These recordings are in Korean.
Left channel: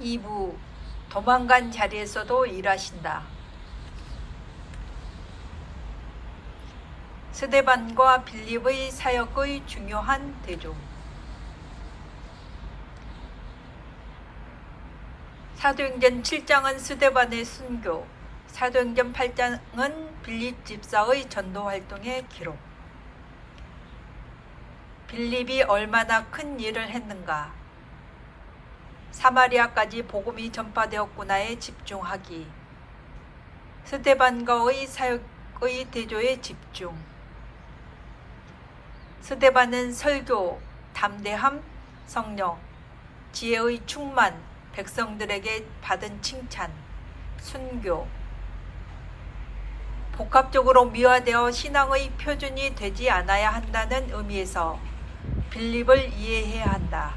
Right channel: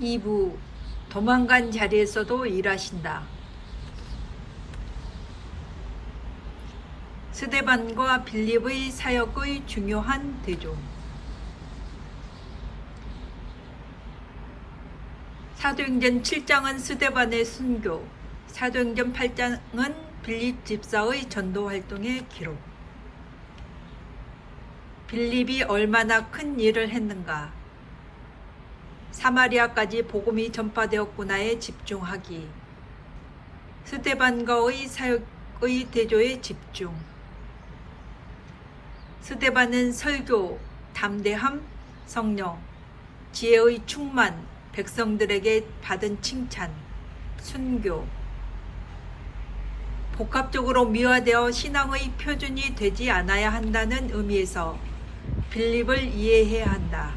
2부 도망간 자리에서도 일하신다. 스데반과 빌립의 사역의 중요한 대조. 사도행전 7장은 스데반의 순교, 사도행전 8장은 빌립 집사의 전도 활동의 기록. 빌립이 얼마나 큰 일을 했는가. 사마리아까지 복음이 전파되었구나에 집중하기. 스데반과의 사역의 대조에 집중. 스데반은 설교, 담대함, 성령, 지혜의 충만, 백성들에게 받은 칭찬, 순교. 복합적으로 미화되어 신앙의 표준이 되지 않아야 한다는 의미에서 빌립을 이해해야 한다.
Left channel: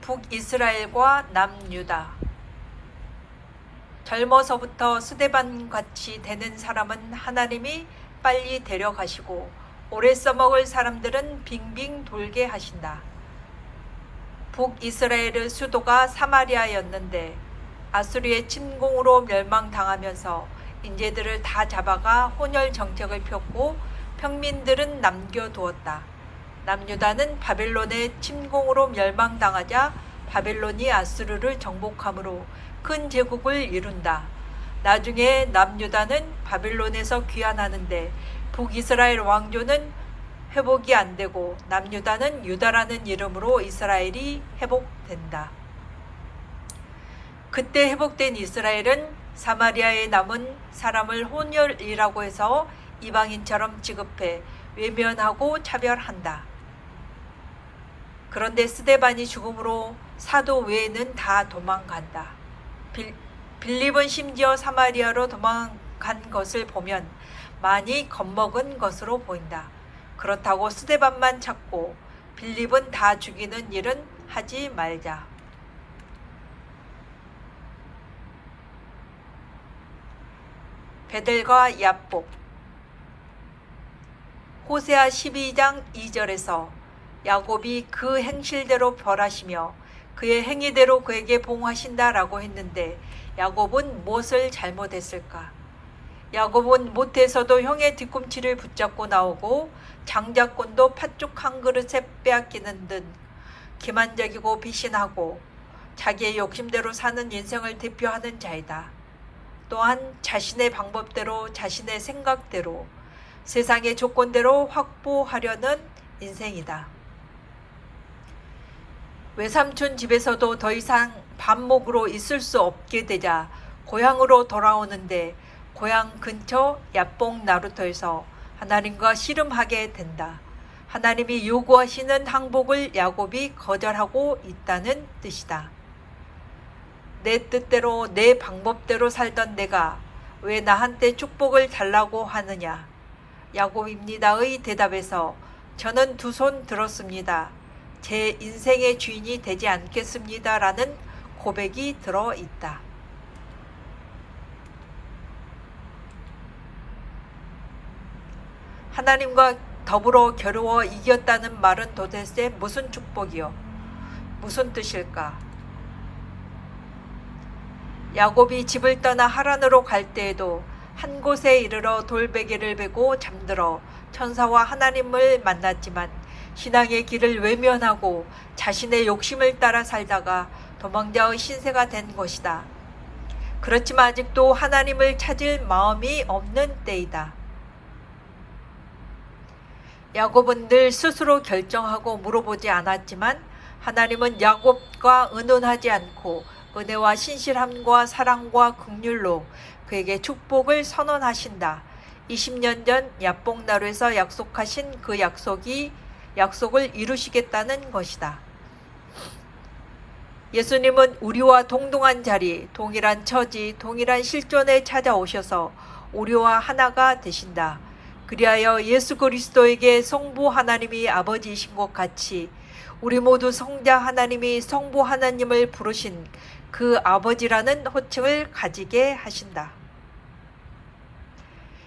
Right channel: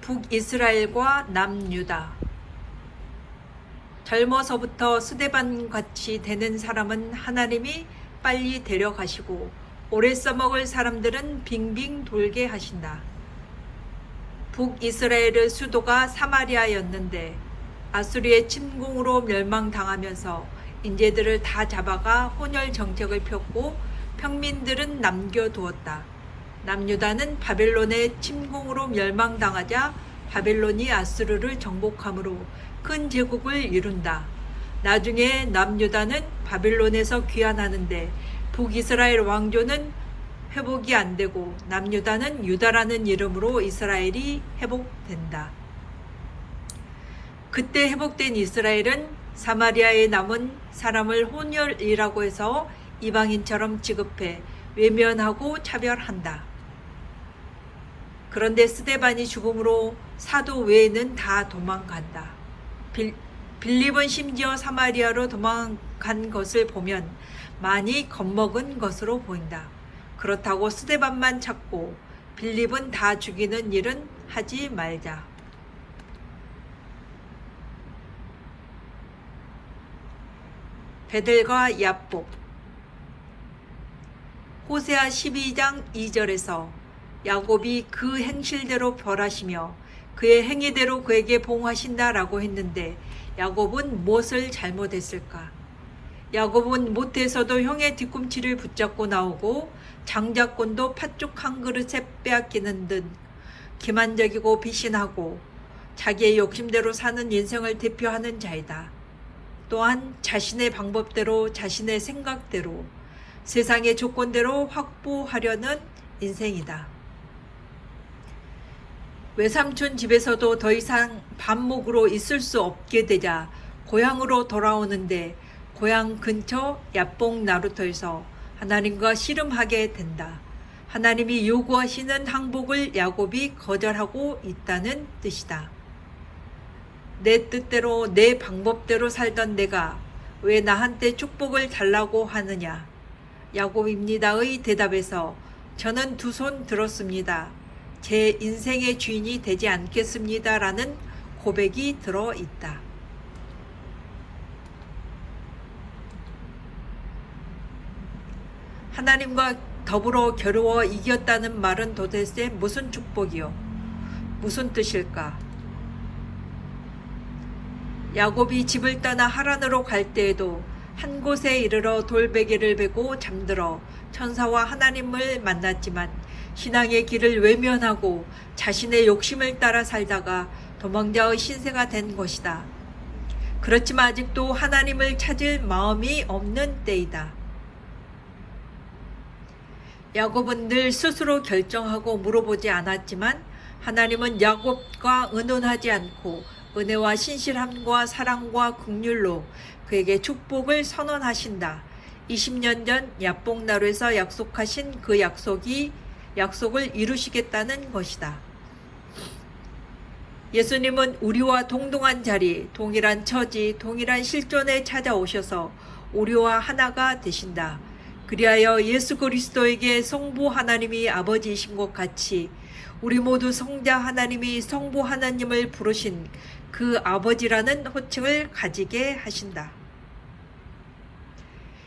북이스라엘과 남유다. 젊어서부터 스데반같이 되는 사람은 하나님이 빨리 데려가시고 오래 써먹을 사람들은 빙빙 돌게 하신다. 북이스라엘의 수도가 사마리아였는데 아수리의 침공으로 멸망당하면서 인재들을 다 잡아가 혼혈 정책을 폈고 평민들은 남겨두었다. 남유다는 바벨론의 침공으로 멸망당하자 바벨론이 아수르를 정복함으로 큰 제국을 이룬다. 나중에 남유다는 바벨론에서 귀환하는데 북이스라엘 왕조는 회복이 안 되고 남유다는 유다라는 이름으로 이스라엘이 회복된다. 그때 회복된 이스라엘은 사마리아에 남은 사람을 혼혈이라고 해서 이방인처럼 취급해 외면하고 차별한다. 그런데 스데반이 죽음으로 사도 외에는 다 도망간다. 빌립은 심지어 사마리아로 도망간 것을 보면 많이 겁먹은 것으로 보인다. 그렇다고 스데반만 찾고 빌립은 다 죽이는 일은 하지 말자. 베델과 야복. 호세아 12장 2절에서 야곱이 그 행실대로 벌하시며 그의 행위대로 그에게 봉하신다라고 했는데 야곱은 무엇을 잘못했을까? 야곱은 못해서도 형의 뒤꿈치를 붙잡고 나오고 장자권도 팥죽 한 그릇에 빼앗기는 듯 기만적이고 비신하고 자기의 욕심대로 사는 인생을 대표하는 자이다. 또한 자신의 방법대로 자신의 생각대로 세상의 조건대로 확보하려는 인생이다. 외삼촌 집에서도 더 이상 반목으로 있을 수 없게 되자 고향으로 돌아오는데 고향 근처 야복 나루터에서 하나님과 씨름하게 된다. 하나님이 요구하시는 항복을 야곱이 거절하고 있다는 뜻이다. 내 뜻대로 내 방법대로 살던 내가 왜 나한테 축복을 달라고 하느냐. 야곱입니다의 대답에서 저는 두 손 들었습니다. 제 인생의 주인이 되지 않겠습니다. 라는 고백이 들어있다. 하나님과 더불어 겨루어 이겼다는 말은 도대체 무슨 축복이요? 무슨 뜻일까? 야곱이 집을 떠나 하란으로 갈 때에도 한 곳에 이르러 돌베개를 베고 잠들어 천사와 하나님을 만났지만 신앙의 길을 외면하고 자신의 욕심을 따라 살다가 도망자의 신세가 된 것이다. 그렇지만 아직도 하나님을 찾을 마음이 없는 때이다. 야곱은 늘 스스로 결정하고 물어보지 않았지만 하나님은 야곱과 의논하지 않고 은혜와 신실함과 사랑과 긍휼로 그에게 축복을 선언하신다. 20년 전 야복나루에서 약속하신 그 약속을 이루시겠다는 것이다. 예수님은 우리와 동등한 자리, 동일한 처지, 동일한 실존에 찾아오셔서 우리와 하나가 되신다. 그리하여 예수 그리스도에게 성부 하나님이 아버지이신 것 같이 우리 모두 성자 하나님이 성부 하나님을 부르신 그 아버지라는 호칭을 가지게 하신다.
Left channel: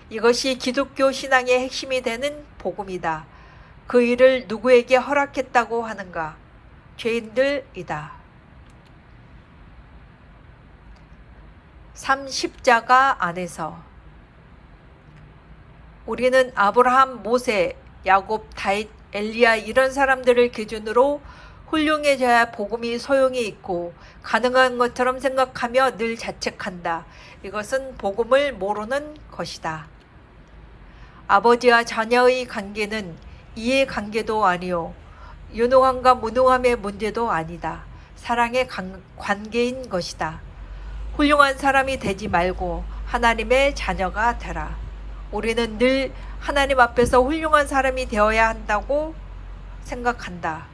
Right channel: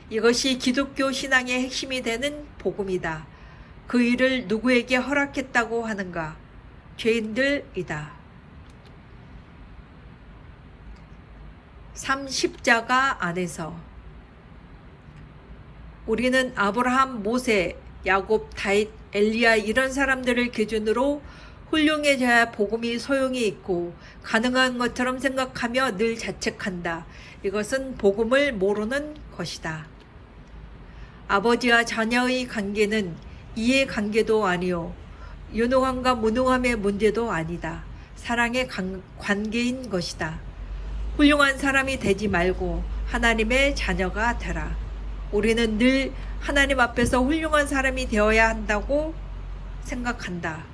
이것이 기독교 신앙의 핵심이 되는 복음이다. 그 일을 누구에게 허락했다고 하는가? 죄인들이다. 3. 십자가 안에서 우리는 아브라함, 모세, 야곱, 다윗, 엘리야 이런 사람들을 기준으로 훌륭해져야 복음이 소용이 있고 가능한 것처럼 생각하며 늘 자책한다. 이것은 복음을 모르는 것이다. 아버지와 자녀의 관계는 이해관계도 아니요 유능함과 무능함의 문제도 아니다. 사랑의 관계인 것이다. 훌륭한 사람이 되지 말고 하나님의 자녀가 되라. 우리는 늘 하나님 앞에서 훌륭한 사람이 되어야 한다고 생각한다.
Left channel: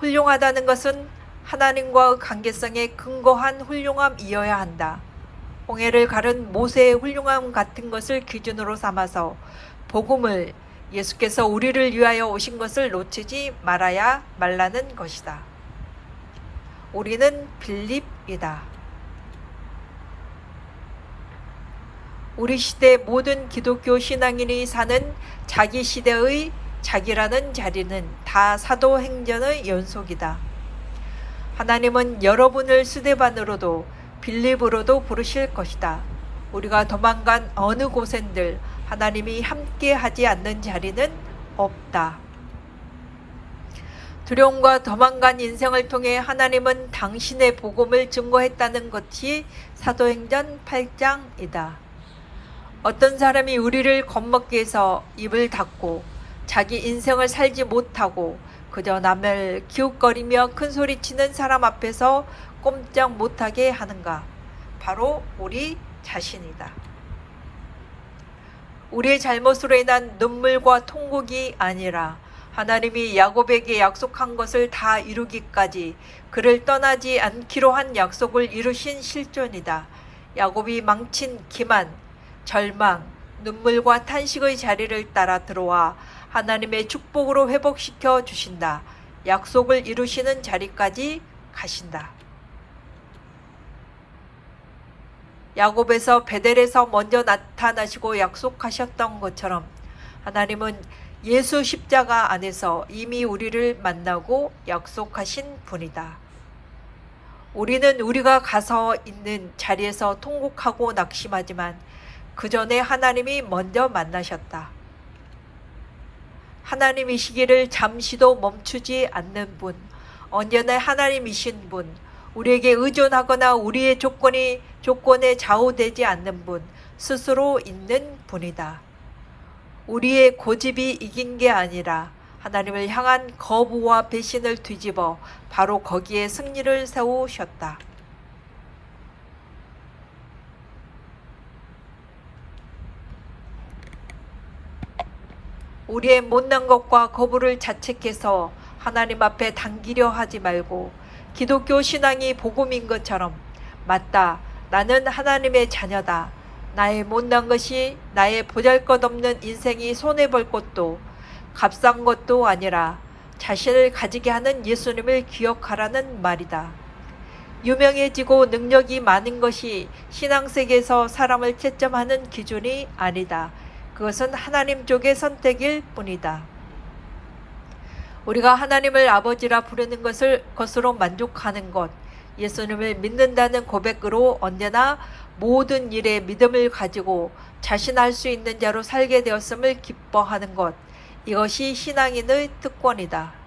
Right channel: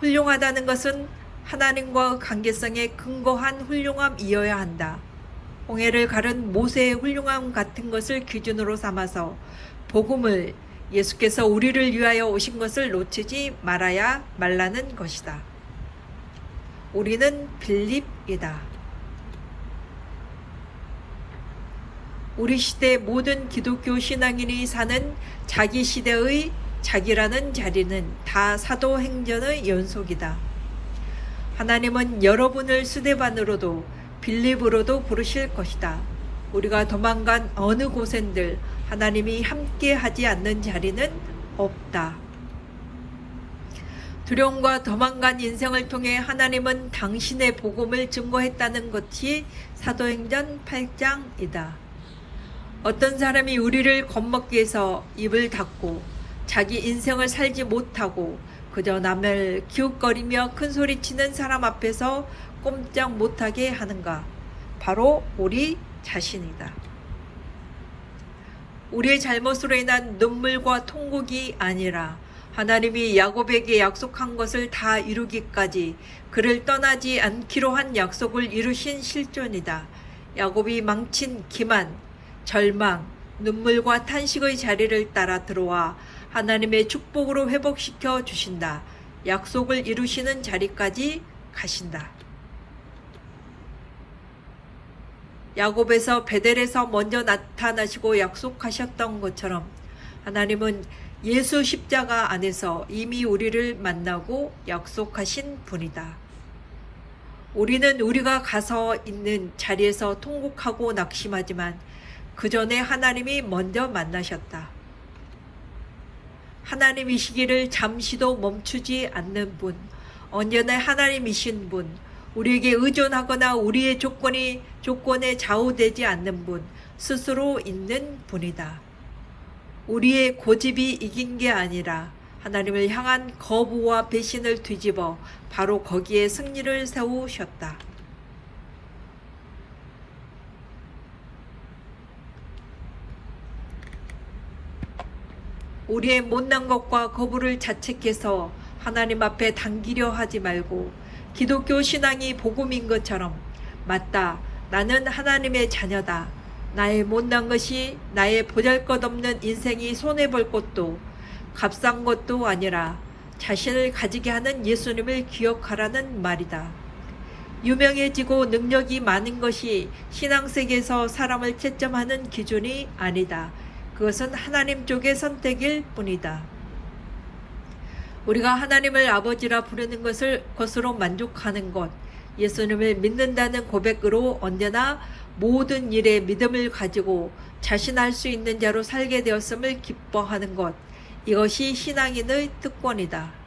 훌륭하다는 것은 하나님과의 관계성에 근거한 훌륭함이어야 한다. 홍해를 가른 모세의 훌륭함 같은 것을 기준으로 삼아서 복음을 예수께서 우리를 위하여 오신 것을 놓치지 말라는 것이다. 우리는 빌립이다. 우리 시대 모든 기독교 신앙인이 사는 자기 시대의 자기라는 자리는 다 사도행전의 연속이다. 하나님은 여러분을 스데반으로도 빌립으로도 부르실 것이다. 우리가 도망간 어느 곳엔들 하나님이 함께 하지 않는 자리는 없다. 두려움과 도망간 인생을 통해 하나님은 당신의 복음을 증거했다는 것이 사도행전 8장이다. 어떤 사람이 우리를 겁먹게 해서 입을 닫고 자기 인생을 살지 못하고 그저 남을 기웃거리며 큰소리치는 사람 앞에서 꼼짝 못하게 하는가? 바로 우리 자신이다. 우리의 잘못으로 인한 눈물과 통곡이 아니라 하나님이 야곱에게 약속한 것을 다 이루기까지 그를 떠나지 않기로 한 약속을 이루신 실존이다. 야곱이 망친 기만, 절망, 눈물과 탄식의 자리를 따라 들어와 하나님의 축복으로 회복시켜 주신다. 약속을 이루시는 자리까지 가신다. 야곱에서 베델에서 먼저 나타나시고 약속하셨던 것처럼 하나님은 예수 십자가 안에서 이미 우리를 만나고 약속하신 분이다. 우리는 우리가 가서 있는 자리에서 통곡하고 낙심하지만 그 전에 하나님이 먼저 만나셨다. 하나님이시기를 잠시도 멈추지 않는 분, 언제나 하나님이신 분, 우리에게 의존하거나 우리의 조건에 좌우되지 않는 분, 스스로 있는 분이다. 우리의 고집이 이긴 게 아니라 하나님을 향한 거부와 배신을 뒤집어 바로 거기에 승리를 세우셨다. 우리의 못난 것과 거부를 자책해서 하나님 앞에 당기려 하지 말고 기독교 신앙이 복음인 것처럼 맞다. 나는 하나님의 자녀다. 나의 못난 것이 나의 보잘것없는 인생이 손해볼 것도 값싼 것도 아니라 자신을 가지게 하는 예수님을 기억하라는 말이다. 유명해지고 능력이 많은 것이 신앙세계에서 사람을 채점하는 기준이 아니다. 그것은 하나님 쪽의 선택일 뿐이다. 우리가 하나님을 아버지라 부르는 것으로 만족하는 것, 예수님을 믿는다는 고백으로 언제나 모든 일에 믿음을 가지고 자신할 수 있는 자로 살게 되었음을 기뻐하는 것, 이것이 신앙인의 특권이다.